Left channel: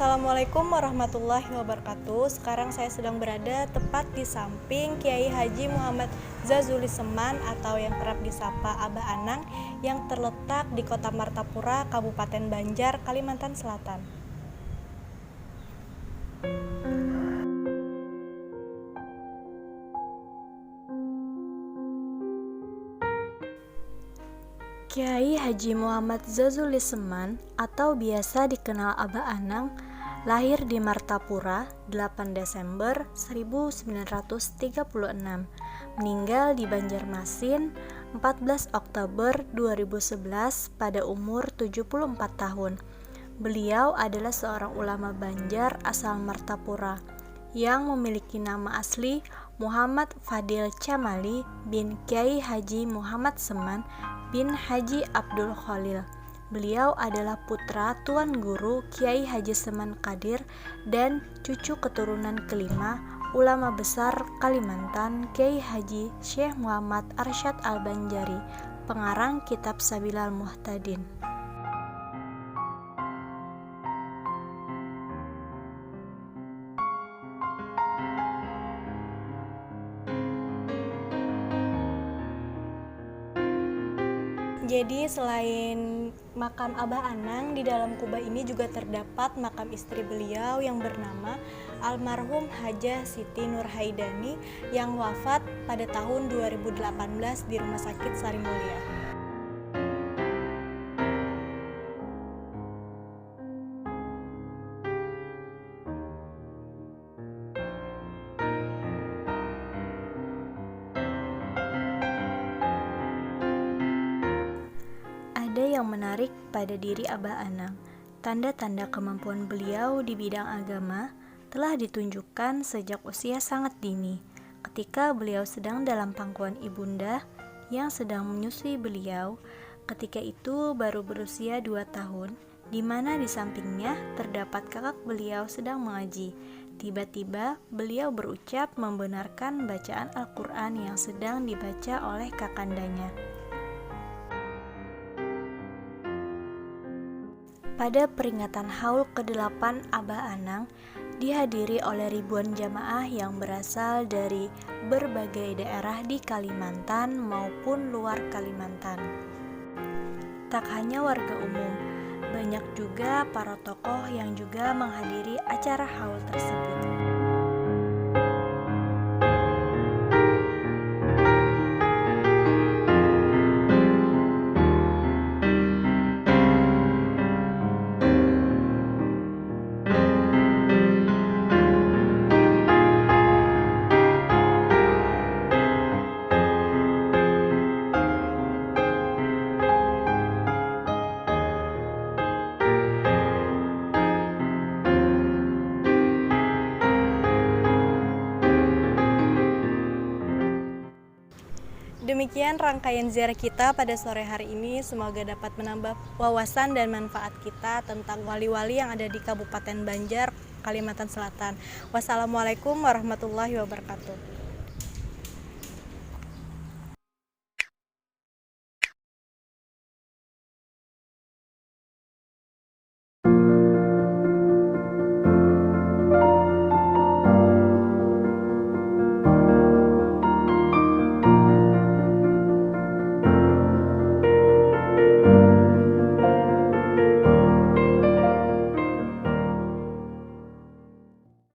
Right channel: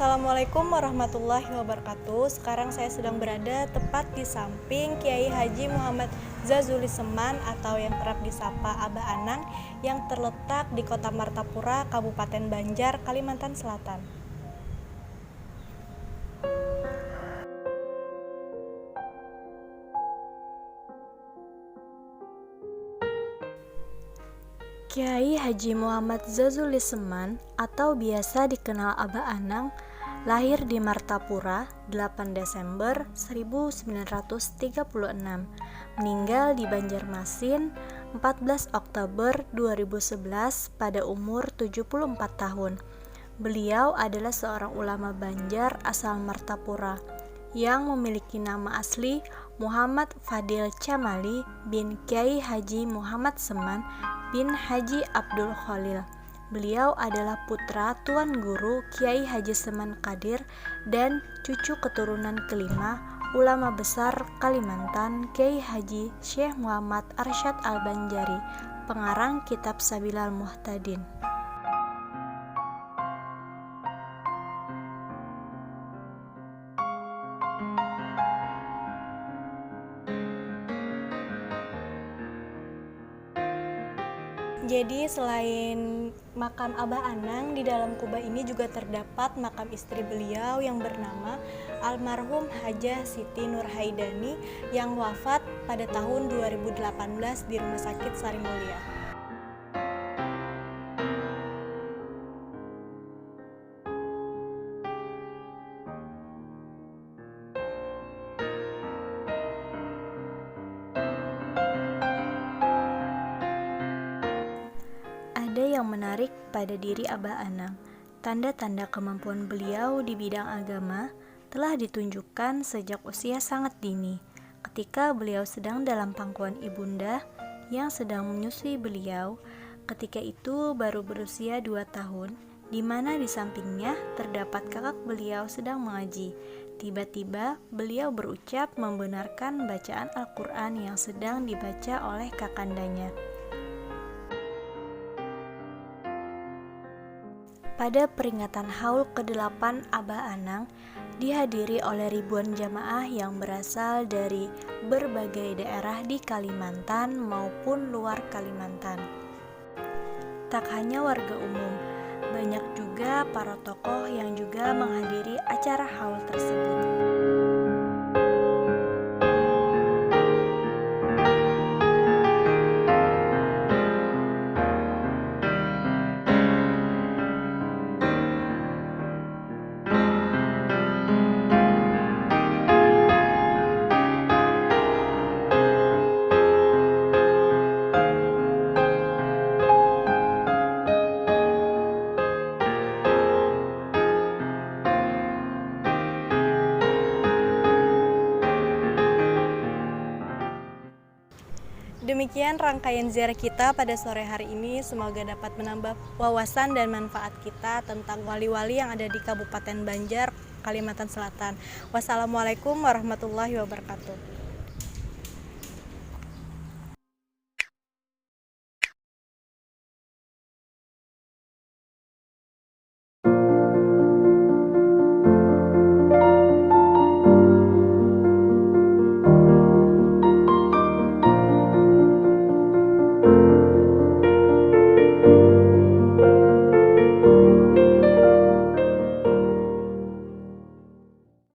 Assalamualaikum warahmatullahi wabarakatuh. Sekarang saya sedang berada tepat di samping Kiai Haji Muhammad Zazuli Seman atau yang kerap disapa Abah Anang yang terletak di Kota Martapura, Kabupaten Banjar, Kalimantan Selatan. Kiai Haji Muhammad Zazuli Seman atau biasa dikenal Abah Anang lahir di Martapura 8 Desember 1936, meninggal di Banjarmasin 14 Oktober 2011 pada umur 74 tahun. Beliau adalah seorang ulama Banjar asal Martapura yang memiliki nama asli Muhammad Fadil Camali bin Kiai Haji Muhammad Seman bin Haji Abdul Khalil. Beliau adalah putra Tuan Guru Kiai Haji Seman Qadir dan cucu keturunan kelima ulama besar Kalimantan Kiai Haji Syekh Muhammad Arsyad Al-Banjari, pengarang kitab Sabilal Muhtadin. Jadi selain makam Abah Anang, di dalam kubah ini juga terdapat makam istri beliau yang bernama almarhum Hajah Siti Nurhaidani yang wafat pada tahun 2018 di Rumah Sakit Sarimulia. Ada yang menarik pada diri Abah Anang. Tanda-tanda kemampuan beliau di bidang agama telah ditunjukkan sejak usia sangat dini, ketika beliau sedang dalam pangkuan ibunda yang sedang menyusui beliau. Ketika itu baru berusia 2 tahun, di mana di sampingnya terdapat kakak beliau sedang mengaji. Tiba-tiba beliau berucap membenarkan bacaan Al-Quran yang sedang dibaca oleh kakandanya. Pada peringatan Haul ke-8 Abah Anang dihadiri oleh ribuan jamaah yang berasal dari berbagai daerah di Kalimantan maupun luar Kalimantan. Tak hanya warga umum, banyak juga para tokoh yang juga menghadiri acara haul tersebut. Demikian rangkaian ziarah kita pada sore hari ini. Semoga dapat menambah wawasan dan manfaat kita tentang wali-wali yang ada di Kabupaten Banjar, Kalimantan Selatan. Wassalamualaikum warahmatullahi wabarakatuh.